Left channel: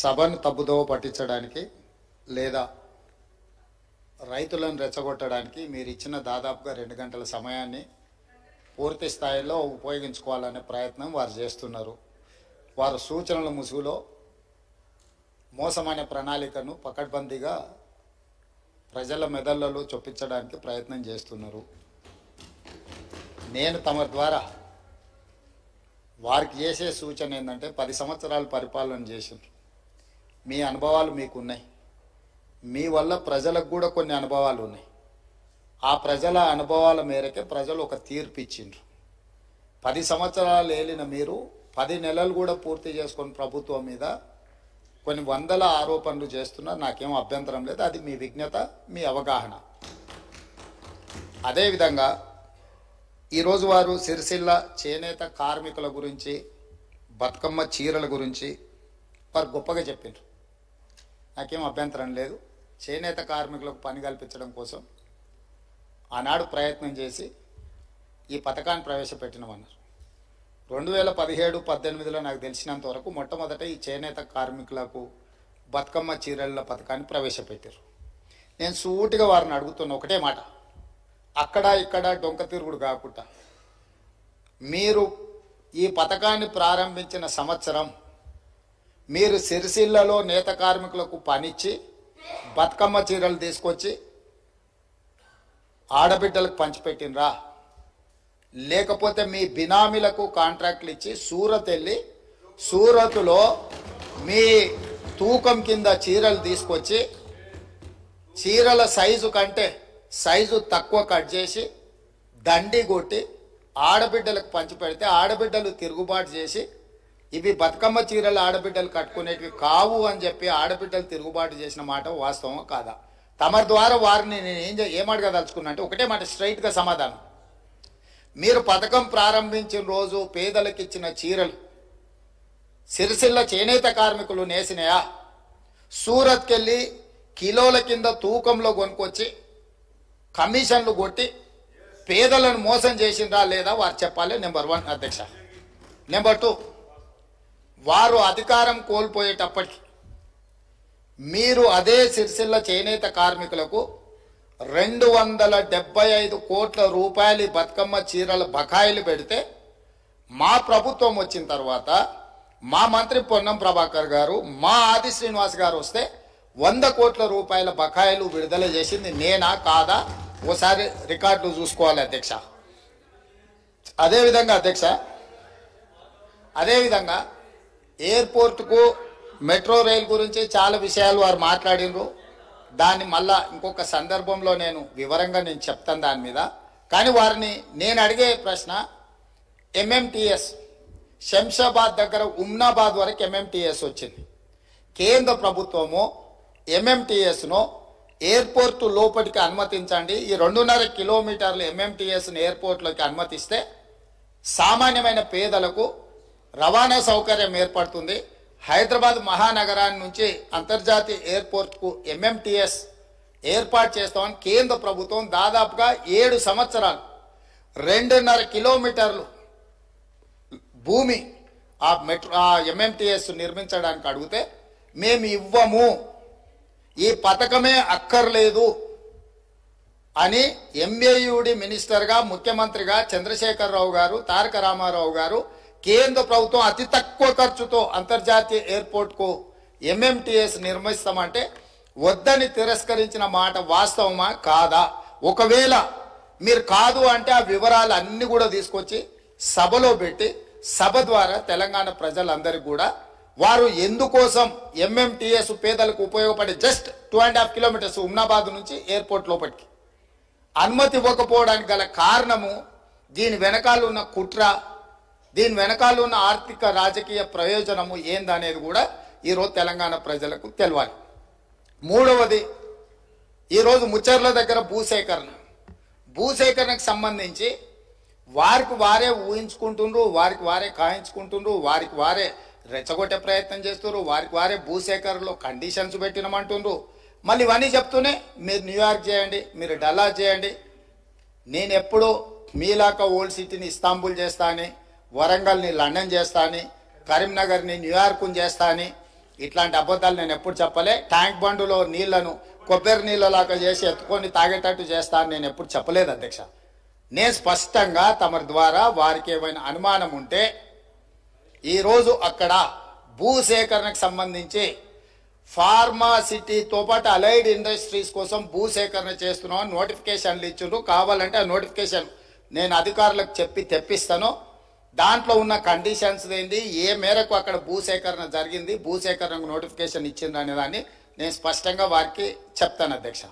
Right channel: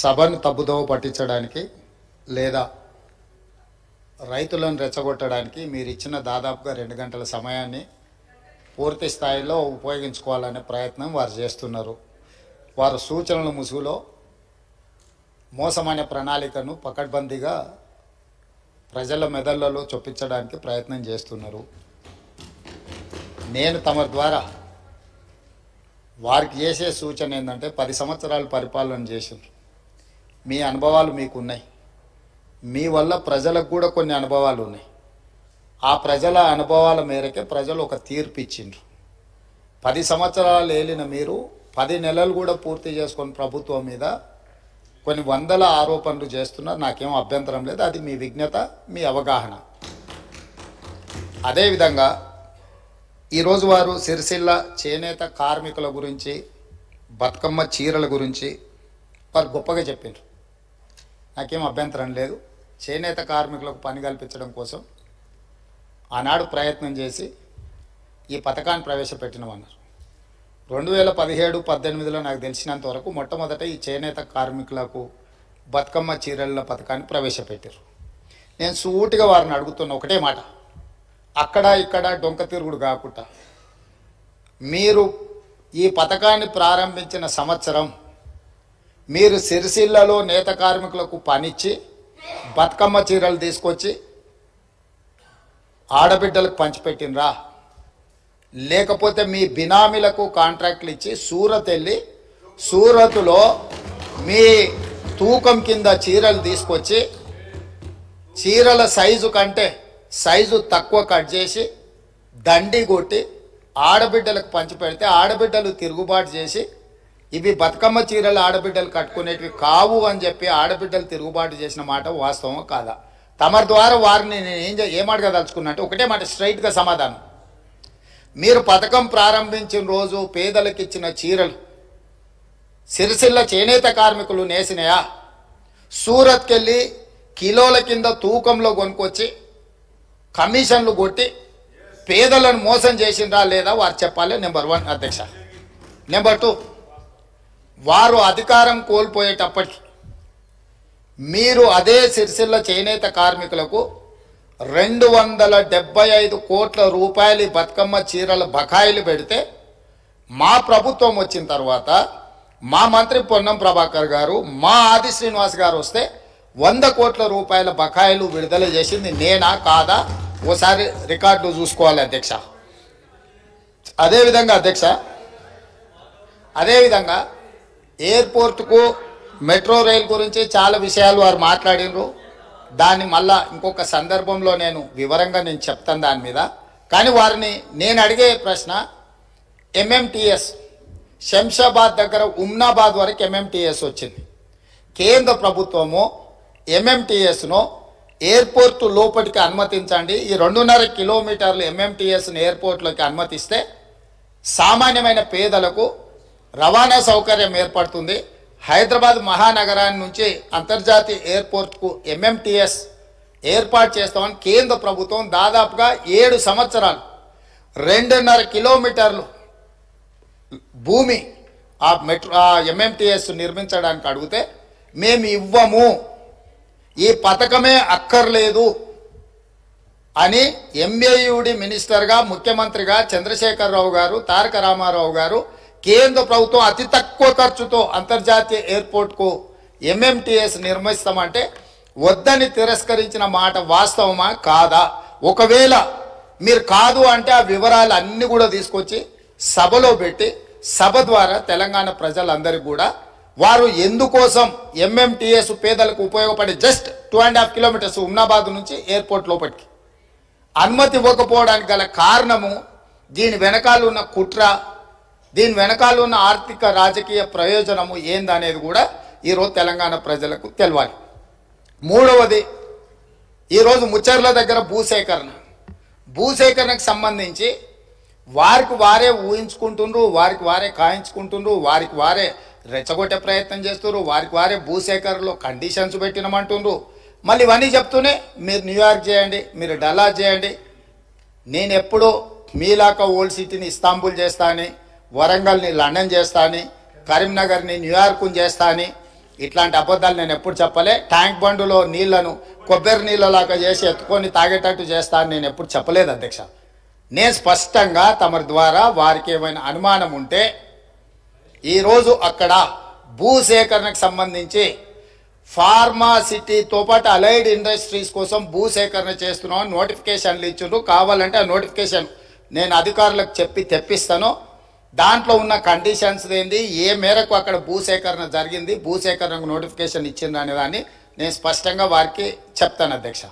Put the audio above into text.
సభను తప్పుదోవ పట్టించడానికి లేదా రైతులను రెచ్చగొట్టడానికి మీరు ఇచ్చిన దాదాపుగా 2 గంటల సమయాన్ని పూర్తి స్థాయిలో ఉపయోగించుకోవాలనే ప్రయత్నం వారు చేస్తున్నారు. వారు సూచనల ముసుగులో మోసమైన ప్రణాళికను పకడ్బందీగా ప్రజల మెదళ్లలో చొప్పించడానికి ప్రయత్నం చేస్తున్నారు. నేను తమ ద్వారా వారికి చేసే సూచన ఏంటంటే 10 సంవత్సరాలు పరిపాలన చేసిండ్రు. మీ అనుభవాలు మీకు ఉన్నాయి. మీ వల్ల ప్రజలకు కూడా కొన్ని అనుభవాలు ఉన్నాయి. ఆ ప్రజల అనుభవాల మేరకే ప్రజలు ఒక తీర్పు ఇచ్చిండ్రు. 10 సంవత్సరాలు ఏలిన మీరు 10 నెలలు కూడా పూర్తి చేసుకొని ప్రభుత్వం మీద కొన్ని వందల ఆరోపణలు చేస్తున్నారు. నాకేం అభ్యంతరం లేదు. అది మీ విజ్ఞత, మీ అవగాహన. అదేవిధంగా ఈరోజు వారు సిరిసిల్ల చేనేత కార్మికుల గురించి, బతుకమ్మ చీరల గురించి వారు గొప్పగా చెప్పిండ్రు. నాకేం అభ్యంతరం లేదు. చేనేత కార్మికులకు పని కల్పించడం కోసం ఆనాడు ప్రయత్నం చేసి ఈ పథకాన్ని ప్రవేశపెట్టినామన్నారు. 2017-18లో నాకు తెలిసినంత వరకు మొట్టమొదట ఈ చేనేత కార్మికులకు బతుకమ్మ చీరల పథకాన్ని ప్రవేశపెట్టారు. నేను సూటిగా వారిని అడుగుతున్న ఒకటే మాట, అక్కడ ఇక్కడ డొంక తిరుగుడు కాకుండా మీరు ఈ పథకాన్ని ప్రారంభించిన సంవత్సరం మీరు సిరిసిల్లలో నేత కార్మికులకు పనిచ్చి బతుకమ్మ చీరలు తీసుకొచ్చి ఆడబిడ్డలకు పంచిపెట్టినరా, లేకపోతే మీ బినామీలకు కాంట్రాక్ట్లు ఇచ్చి సూరత్ వెళ్ళి సూరత్లో మీ తూకం కింద చీరలు తీసుకొచ్చి చీరల సైజు కంటే సైజు తక్కువ కట్ చేసి దండి కొట్టి ఆడబిడ్డలకు పంచిపెడితే ఆడబిడ్డలు తిరుగుబాటు చేసి ఇవి బతుకమ్మ చీరలు ఆడబిడ్డలు కట్టుకునేటివి కావు అని చెప్పి ఆడబిడ్డలు తిరుగుబాటు చేసిన మాట వాస్తవం కాదా? తమరి ద్వారా వారిని నేను ఏమడగదలుచుకున్నా అంటే ఒకటే మాట, స్ట్రైట్గా సమాధానం. మీరు పథకం ప్రారంభించిన రోజు పేదలకు ఇచ్చిన చీరలు సిరిసిల్ల చేనేత కార్మికులు నేసినాయా? సూరత్కి వెళ్ళి కిలోల కింద తూకంలో కొనుక్కొచ్చి కమిషన్లు కొట్టి పేదలను మోసం చేసిండ్రా లేదా వారు చెప్పాలి. నెంబర్ 1 అధ్యక్ష. నెంబర్ 2, వారు అధికారం కోల్పోయేటప్పటికి మీరు అదే సిరిసిల్ల చేనేత కార్మికులకు 275 కోట్ల రూపాయలు బతుకమ్మ చీరల బకాయిలు పెడితే మా ప్రభుత్వం వచ్చిన తర్వాత మా మంత్రి పొన్నం ప్రభాకర్ గారు, మా ఆది శ్రీనివాస్ గారు వస్తే 100 కోట్ల రూపాయల బకాయిలు విడుదల చేసింది నేనా కాదా? ఓసారి రికార్డులు చూసుకోవాలి అధ్యక్ష. అదేవిధంగా ఎయిర్పోర్టుకు మెట్రో రైల్ గురించి చాలా విషయాలు వారు మాట్లాడినరు. దాన్ని మళ్ళా ఇంకొక సందర్భంలో నేను వివరంగా చెప్తాను దాని మీద. కానీ వారిని నేను అడిగే ప్రశ్న, ఎంఎంటీఎస్ శంషాబాద్ దగ్గర ఉమ్నాబాద్ వరకు ఎంఎంటీఎస్ వచ్చింది. కేంద్ర ప్రభుత్వము ఎంఎంటీఎస్ను ఎయిర్పోర్టు లోపలికి అనుమతించండి, ఈ 2.5 కిలోమీటర్లు ఎంఎంటీఎస్ను ఎయిర్పోర్ట్లోకి అనుమతిస్తే సామాన్యమైన పేదలకు రవాణా సౌకర్యం ఏర్పడుతుంది. హైదరాబాద్ మహానగరాన్ని నుంచి అంతర్జాతీయ ఎయిర్పోర్ట్కు ఎంఎంటీఎస్ ఏర్పాటు చేస్తామని కేంద్ర ప్రభుత్వం దాదాపుగా 7 సంవత్సరాలు 2.5 కిలోమీటర్లు భూమి ఆ ఎంఎంటీఎస్ నిర్మించడానికి అడిగితే మేము ఇవ్వము, ఈ పథకమే అక్కర్లేదు అని ఎంఏయుడి మినిస్టర్గా, ముఖ్యమంత్రిగా చంద్రశేఖరరావు గారు, తారక రామారావు గారు కేంద్ర ప్రభుత్వం అతి తక్కువ ఖర్చుతో అంతర్జాతీయ ఎయిర్పోర్ట్కు ఎంఎంటీఎస్ నిర్మిస్తామంటే వద్దని తిరస్కరించిన మాట వాస్తవమా కాదా? ఒకవేళ మీరు కాదు అంటే ఆ వివరాలు అన్నీ కూడా తీసుకొచ్చి సభలో పెట్టి సభ ద్వారా తెలంగాణ ప్రజలందరికీ కూడా వారు ఎందుకోసం ఎంఎంటీఎస్ పేదలకు ఉపయోగపడే జస్ట్ 2.5 కిలోమీటర్స్ ఉమ్నాబాద్ నుంచి ఎయిర్పోర్ట్ లోపలికి అనుమతి ఇవ్వకపోవడానికి గల కారణము, దీని వెనకాల ఉన్న కుట్ర, దీని వెనకాల ఉన్న ఆర్థిక రాజకీయ ప్రయోజనము ఏందనేది కూడా ఈరోజు తెలంగాణ ప్రజలకు తెలవాలి. 3వది, ఈరోజు ముచ్చర్ల దగ్గర భూసేకరణకు సంబంధించి వారికి వారే ఊహించుకుంటుండ్రు, వారికి వారే కాయించుకుంటుండ్రు, వారికి వారే రెచ్చగొట్టే ప్రయత్నం చేస్తున్నారు, వారికి వారే భూసేకరణలో కండిషన్స్ పెట్టినమంటుండ్రు. మళ్ళీ ఇవన్నీ చెప్తూనే మీరు న్యూయార్క్ చేయండి, మీరు డల్లాస్ చేయండి, నేను ఎప్పుడూ మీలాక ఓల్డ్ సిటీని ఇస్తాంబుల్ చేస్తా అని, వరంగల్ని లండన్ చేస్తా అని, కరీంనగర్ని న్యూయార్క్ని చేస్తా అని ఇట్లాంటి అబద్ధాలు నేను ఎప్పుడు చెప్పలే. ట్యాంక్ బండులో నీళ్లను కొబ్బరి నీళ్ళలాగా చేసి ఎత్తుకొని తాగేటట్టు చేస్తా అని నేను ఎప్పుడు చెప్పలేదు అధ్యక్ష. నేను స్పష్టంగా తమరి ద్వారా వారికి ఏమైనా అనుమానం ఉంటే ఈరోజు అక్కడ భూసేకరణకు సంబంధించి ఫార్మాసిటీతో పాటు అలైడ్ ఇండస్ట్రీస్ కోసం భూసేకరణ చేస్తున్నాం నోటిఫికేషన్లు ఇచ్చిండ్రు. కావాలంటే ఆ నోటిఫికేషన్ నేను అధికారులకు చెప్పి తెప్పిస్తాను. దాంట్లో ఉన్న కండిషన్స్ ఏంది, ఏ మేరకు అక్కడ భూసేకరణ జరిగింది, భూసేకరణకు నోటిఫికేషన్ ఇచ్చిండ్రు అనే దాన్ని నేను స్పష్టంగా వారికి చెప్తాను అధ్యక్ష.